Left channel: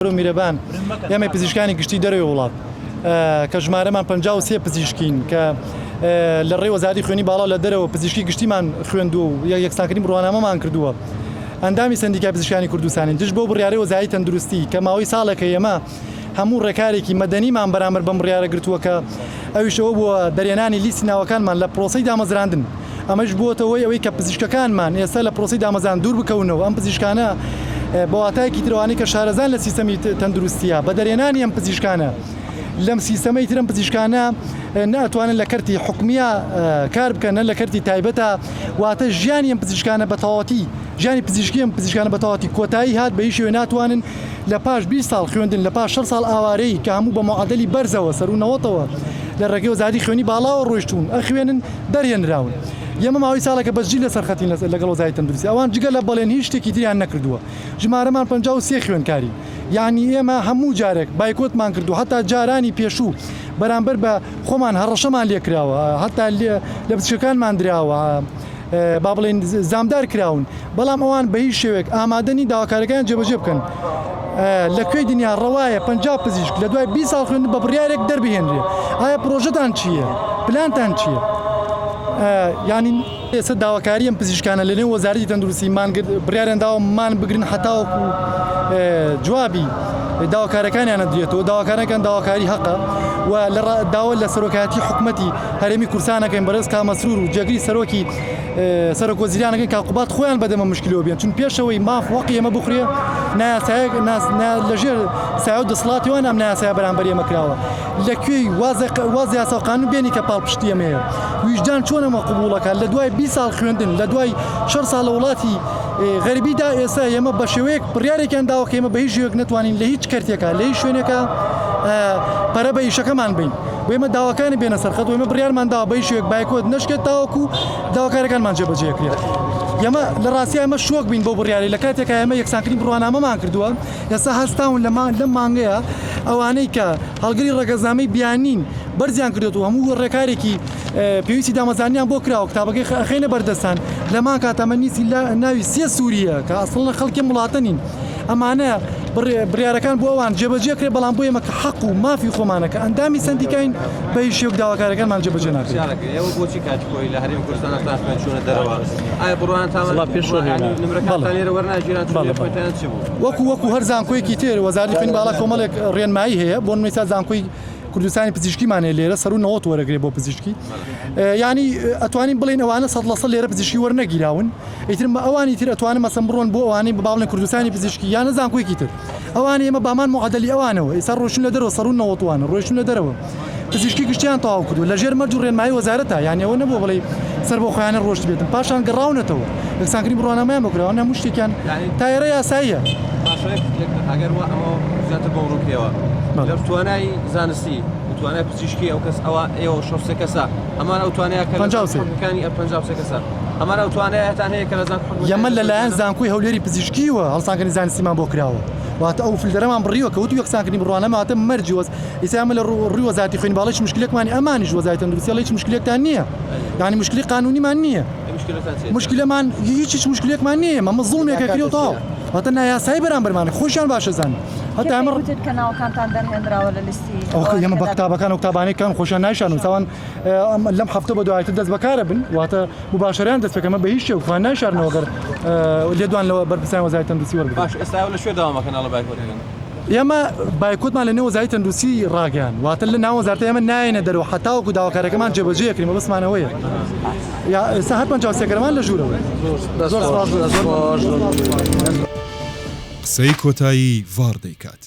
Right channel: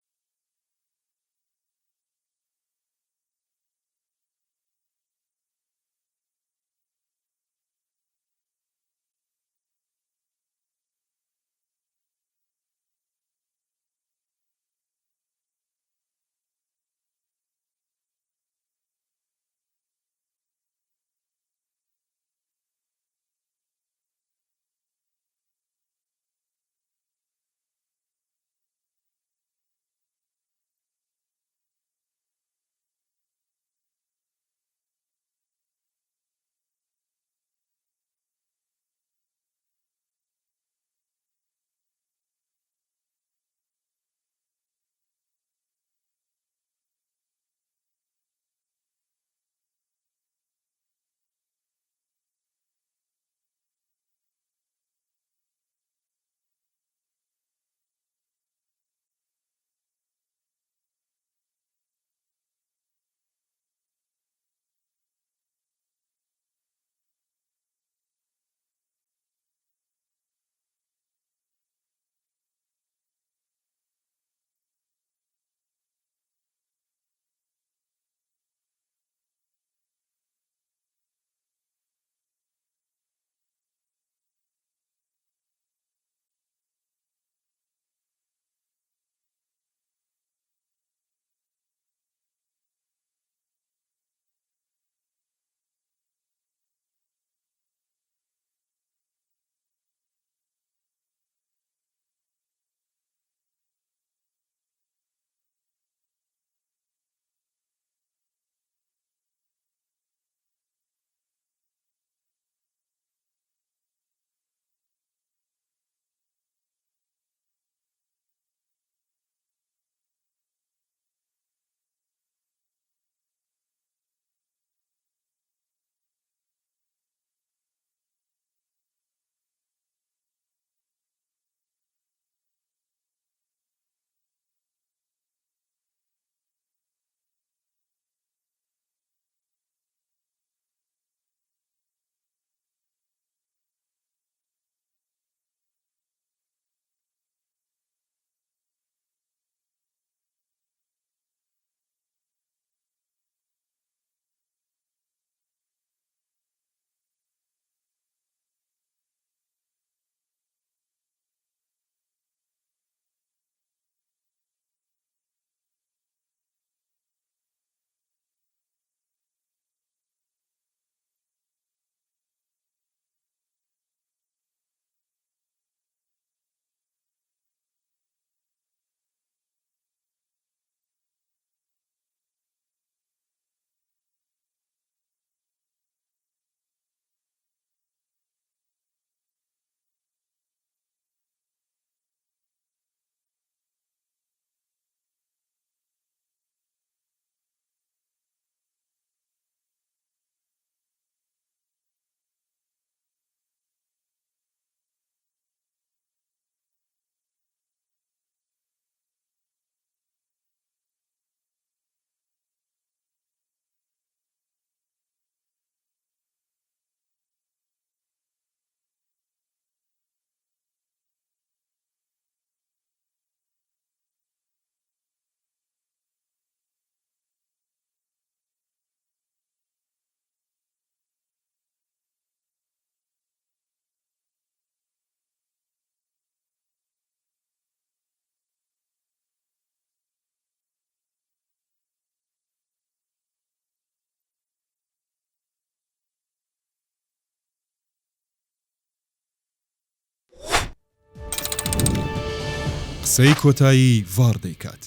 میرەبان ئێمە پزیشکانی گشتی دەرەوەی وڵات کە ژمارەمان 53 پزیشکین کە لە ڕێی وەزارەتی خوێنی باڵا لە دەرەوە پزیشکی گشتیمان خوێندووە و یەکسانکردنی بڕوانامەمان کردووە. ئەندامی سندیکای پزیشکانی کوردستانی دژ بۆ بڕیارەی وەزارەتی تەندروستی کە ماوەی ساڵێکە ئێمە هەموو ڕێکارێکی مەدەنیمان بەرامبەر بەم بڕیارە گرتووە کە ئەویشەوە بووە دەرێنانی لیستی ناوەکانمان لە پرۆسەی دامەزراندن. ئەمەش بووەتەوەی ئەوەی کە پزیشکەکانمان ئێستا لە پرۆسەی دامەزان دوور بکەونەوە. ئەم پزیشکانە بەواتایەکی ترەوانی کە شارەزان لە سیستەمی تەندروستیە بە دەرێنانی ئەم پزیشکانە لەم سیستەمەی ترم پزیشکانە ناتوانن لە کەرتی حکومیە کار بکەن لە کەرتی تایبەتە واتە ژیانی ئەم پزیشکانە بەتەواوەتی ژیانی پزیشکی ئەم پزیشکانە بەتەواوەتی کۆتایی هات بە هیچ شێوێ ناتوانن لە پاش 20 ساڵ خوێندن لە پاش 6 ساڵ ئاوارەی کە هەموو بە معادلی بەرزەوە سەر و نەوەتەوە لە ڕێگەی وەزارەتی خوێنی باڵاوە ڕۆیشتون ئەخوێنن دەرهێنراون. ئێمە ماوەی ساڵێکە بەسجی لەسەر خەتین لەگەڵ وەزارەتی تەندروستی ئەوان جگە لە بەڵێن هیچ شتێکی تریان نەکردووە. ژمارەمان 53 خوێندکاری یعنی ئێمە هەموو جارێک بایکۆتمان کردو هەتا جارانی پێشوو بەرامبەر بە خۆمان هەڕەشەمان لێکراوە هەتا لە پزیشکەکانمان دراوە با بڵێن زامدار کراون بەڵام ئەوان بە هیچ شێوێک ئامادەنی داواکارەکان جێبەجێ بکەن. لەکوێی دنیا ڕەوایە 50 پزیشک لە دوای 20 ساڵ خوێندن بە بڕیارێک دەربهێنرێ. ئایا پرۆژەتان چییە؟ پلانتان چییە؟ یعنی ئێستا داواکاری ئەم پزیشکانە لەنێو وەزارەتی تەندروستیمان بڕیاریان داوامان بگرن هەتاوەکو جوابی داواکارەکانیانە درێتەوە. داواکارەکان داواکاری حەقە و لە داوا لە سەرۆکایەتی حکومەتی هەرێمی کورسانەکەین بەڕێز کامەسرور و جێگری سەرۆکی سەرۆک وەزیرانەکەی کاقوبات خۆیان بەدەمە مشکلەوە بێن چون پێشەوەی ماف وەقی ئێمە بخورێ لەژێر سایە و دەسڵاتیوان ئەم نایاسایە بەرامبەر ئێمە کراوە. لەکوێی واز یاسا و قانون بێنی کە پاڵپشتی ئێمەیە ویژدان چۆن ئەمە قبوڵەکە لە دوای 20 ساڵ خوێندن لە دوای 6 ساڵ لە وڵاتی غەریبیدا ئێستا ئێمە بە شێوەیەک بڕیارێکیان داوە کە ئێمە بە هیچ شێوەیەک نتوانین لە هیچ کەرتێکە لە هیچ شوێنێکە پەرە بە ئیشەکەمان بین و ئێمە داواکانی بێنە سەرخەت و ئێمە بڕیارمان داوە بە هیچ شێوەیەک بایکۆت نەشکێت تاوەکو داواکارەکانمان جێبەجێکرێت. ئێمە لە ڕاستی ئێمە شۆک بین بۆ بڕیاری لە کاتێکە ئێمە یەکسانکردنی بڕوانامەمان کردووە ئێستا هەستاون لەم مانگەیە ئەوانەی کە هەڵگری ڕێگەزامەی بیانین بەرزیان کردێت و هەموو ڕێکارێکی پێویستی دامەزانیان بۆ کراوە کتابەکەی خەینە بەردەستان لەمان کاتەمە نیسی ناوی سێ سووریە کە ئەسڵە خەڵکی وڵاتە نین. ئەمانە بڕیارەکان بۆ ئەوان جێبەجێ کرێ بەڵام بۆ ئێمە کە حەق و مافی خۆمانەکە ئەندامی سندیکاین بە هیچ شێوەیەک داواکارەکانمان جێبەجێ ناکرێت. ئێوە بۆچی کاتکۆی لە هەرێمی کوردستان هەفتان چۆنە دەرەوە؟ ئایا بڕوانتان نمرەکانتان لێرە وەرناگیران خۆتان چی بوو؟ وەکو هەر زانکۆیەکی تر وەزارەتی خوێنی باڵا کۆمەڵێک ڕێنمایی هەیە بۆ نمونەی زانکۆی کوردستانی پزیشکیمانێ لێرە سەر و نەوەت وەرەگرێ بۆ پزیشکی یعنی ئەتوانین بڵین ئەوانە 100% لێرە پزیشکی وەرنەگیراون ئیتر ئەوانی تر ئەتوانن مەسەن بڕۆن بۆ ئەوانەی بڵێن کوردستانی پزیشکی یانە زانکۆیەکی تر ئەوانە ئێمە بامان معادلی ئەوانەوە ئێستا ڕۆشن لە دەرەوە سەر و نەوەتوانە ڕۆشن لە دەرەوە پزیشکی گشتیان تەواو کردو لە ژێر مەرج و ڕێنمایی وەزارەتە یعنی ئەوە نەبووە بڵێ سەر بۆ خۆیانە ڕۆشت بێتن پاشان گەڕاونەتەوە یەکسانکردنی بڕوانامەیان بکراوە هەموو شتێکیان تایەرە یاساییە. ئەگەر ئەمە زیاتر بۆ ڕووکەوە لە توانای زانستی توانای پزیشکی ئەو کەس ئێوە 6 کەسە ئەمان ئەو توانایەکانی 53 کەسە ئەمان ئەو توانایەتان هەیە کە لە یەمە لەلایەن زانکۆی هەولێری پزیشکیوە هەڵسانکردنی زانستیمان بۆ کراوە واتە ئەو فیلتەرەمان بڕیوە کەوتو یەکسانکردنی بڕوانامە هاتە مەرجی وەز ئێستا ئێمە لە ڕووی وەزارەتی خوێنی باڵا هیچ مشکلێکمانی ئەمانیش وەزارەتی تەندروستی هیچ مشکلێکتان نییە یعنی مشکلی قانونیمان نییە مشکلەمان هیچ مشکلێکمان نییە ئەمە زوڵمێکە کردەوە تاوە واتە نایاسایی بەرامبەرمانە خۆشیان باشە زان هەتا ئەمە کەناڵەکانتان دەرهێنراوە لە لیستی ئێمە بە قوتابەکان و قوتابانەکان خۆشیان نایشان و چاوان لەم هەفتە بە دوایتر دەست بەکارە بن واتە مباشەرەیان دەست بکەمە بە هیچ شێوەیەک نایشارنەوە گەر لێدوان لەوە بەرپرسانی وەزارەتی تەندروستی وەربگرن. باش ئێستا لە شوێ داوامەکەن لە بایکۆتەکەن ئێمە بایکۆتمان لە نێو وەزارەتی تەندروستی ڕاگەیان واتە لە ناو وەزارەتە ئێمە نایەنە دەرەوە هەتاوەکو داواکارەکەمان جێبەجێکرین بەسمانەوەیە ئێستا هەر 53 گەرەمان لە ژوورەوە. قسەی کۆتایی ڤار دەیکات.